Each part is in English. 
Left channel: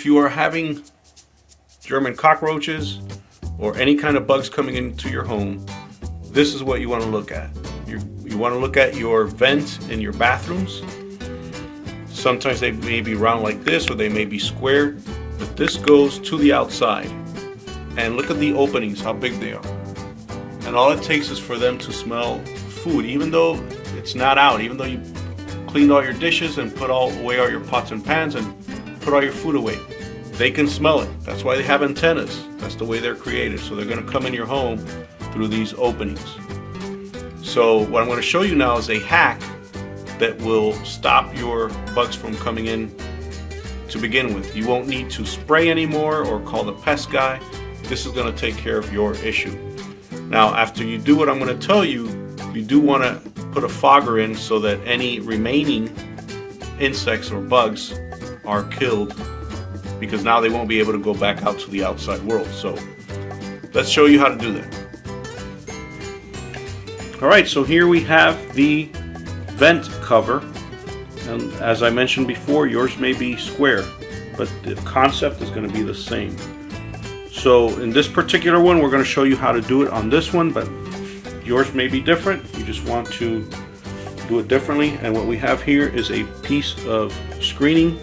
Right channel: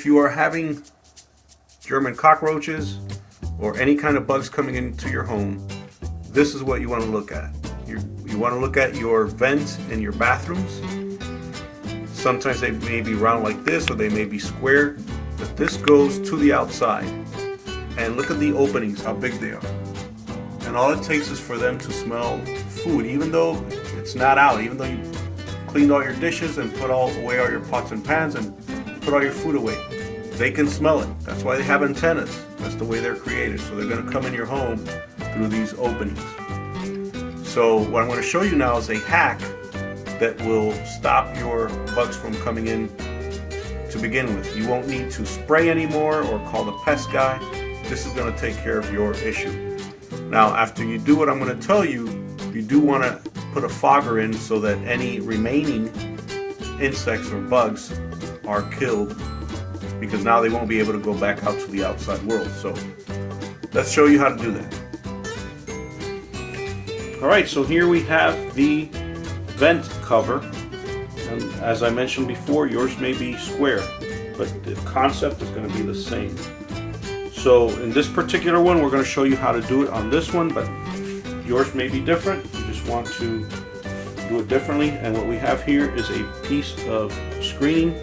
If you are having German cockroaches or any kind of bugs coming into your home, this is what you want to look at. You want to look at your vents in your bathrooms. Sometimes they may be round like this, or they may be square, but this goes to the outside. And look at the openings, how big they are. And all it takes is for them to smell food, even though it's not out, even though you cleaned all your dishes and put away all your pots and pans and put all your food away. They can smell it. That's why they have antennas. That's the way they're created. So they're going to come in your home through these openings. So what I'm going to show you now is a hack that will stop your bugs from coming in to begin with. You won't need to spray anymore or call the pest guy. This is going to take care of your issue. Now, after you do what I'm going to tell you, you do want to put a fogger in so that any remaining insects or bugs are killed, because now they won't be able to go back out to the outside world. So let's show you how to do that. Alright, so here we have the vent cover, and as I mentioned before, yours may be square, but the concept is going to be the same. So in this particular one, we're going to show you how to do it on this one, but yours may be different. You just want to do it differently. And what we have here is a piece of screening.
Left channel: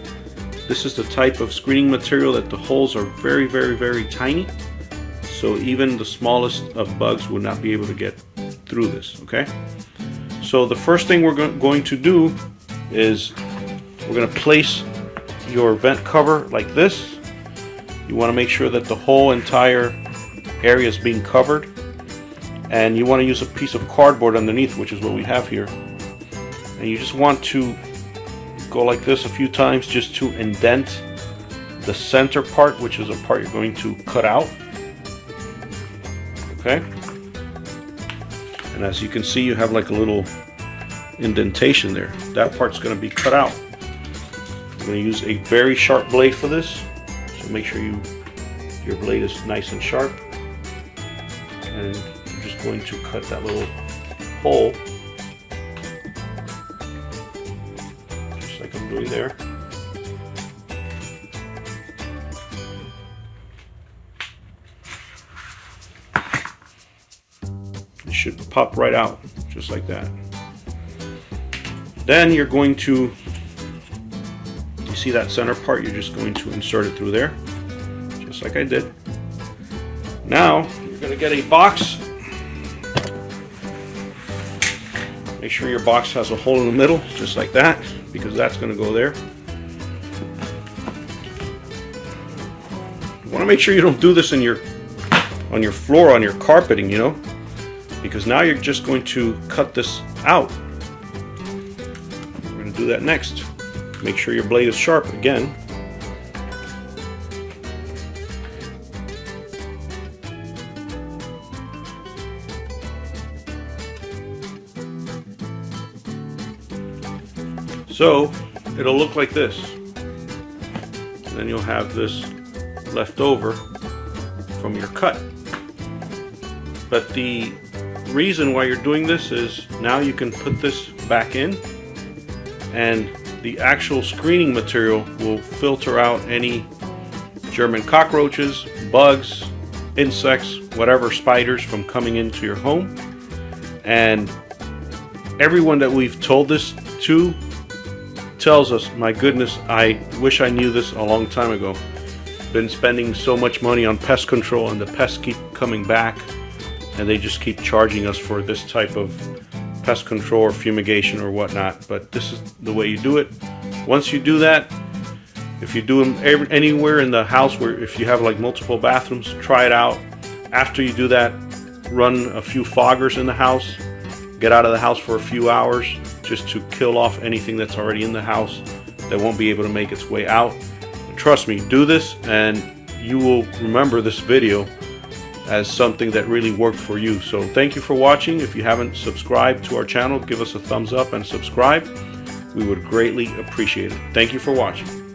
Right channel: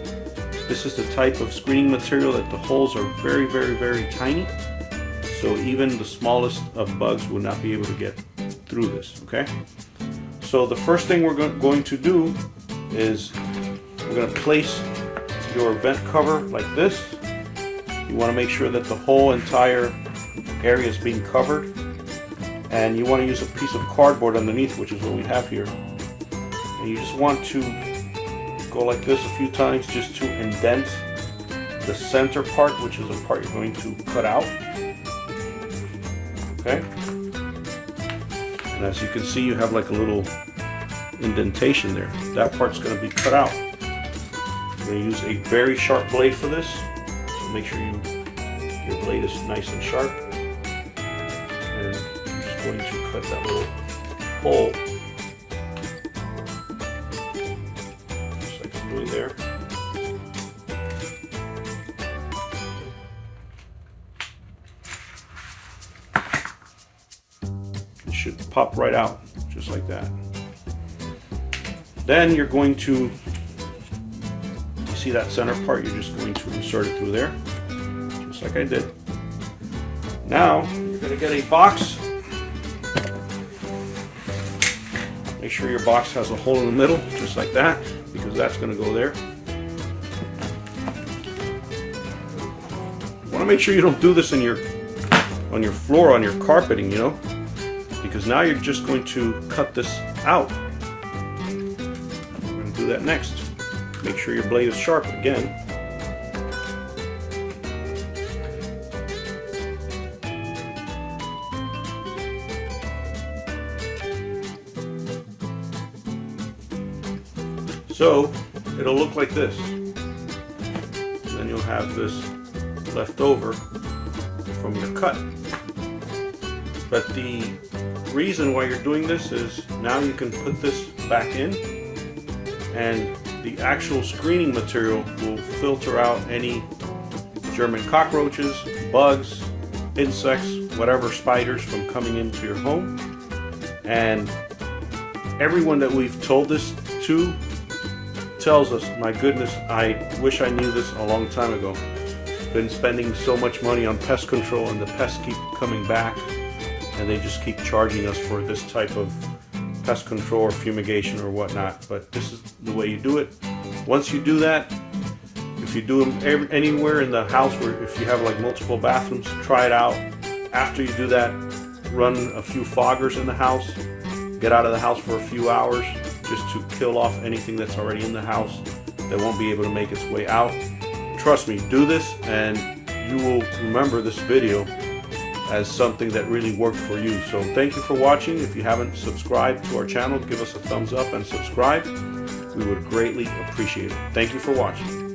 This is the type of screening material that the holes are very, very, very tiny. So even the smallest of bugs will not be able to get through this, okay? So the first thing we're going to do is we're going to place your vent cover like this. You want to make sure that the whole entire area is being covered, and you want to use a piece of cardboard underneath, which is what we have here. And you just want to go like this a few times just to indent the center part, which is the part you're going to cut out. Okay? And as you can see, you have like a little indentation there. That part's going to be cut out. I'm going to use a very sharp blade for this. So make sure your blade is nice and sharp. And I'm just going to cut that little hole. Just like I'm doing there. It should pop right out, just like that. Then you're going to, you see that center part, you're just going to insert it through there, just like I did. Now, you're going to get a box. Make sure your box has a hole in the middle, just like that, because that's going to go there. You want to make sure you don't do this on your floor, on your carpeting, you know, because now you're just going to cut this out. We're going to do that next. Make sure your blade is sharp again. So it'll look like this. And then you'll have this left over from your cut. But the reason why you're doing this is now you can put this back in, and the actual screening material will filter out any German cockroaches, bugs, insects, whatever, spiders from coming into your home. And everyone that we've told this to tells us, my goodness, I wish I knew this a long time ago. Been spending so much money on pest control, and the pests keep coming back, and they just keep charging us for this type of pest control or fumigation or whatnot. But this is the way you do it. Once you do that, if you do them anywhere in the house, where if you have like multiple bathrooms, try it out. After you do that, run a few foggers in the house, get out of the house for a few hours just to kill off anything that's already in the house that won't be able to make its way out. Trust me, do this and you will remember this video as something that really worked for you. So thank you for watching. If you haven't subscribed to our channel, give us a thumbs up and subscribe. We would greatly appreciate it. Thank you for watching.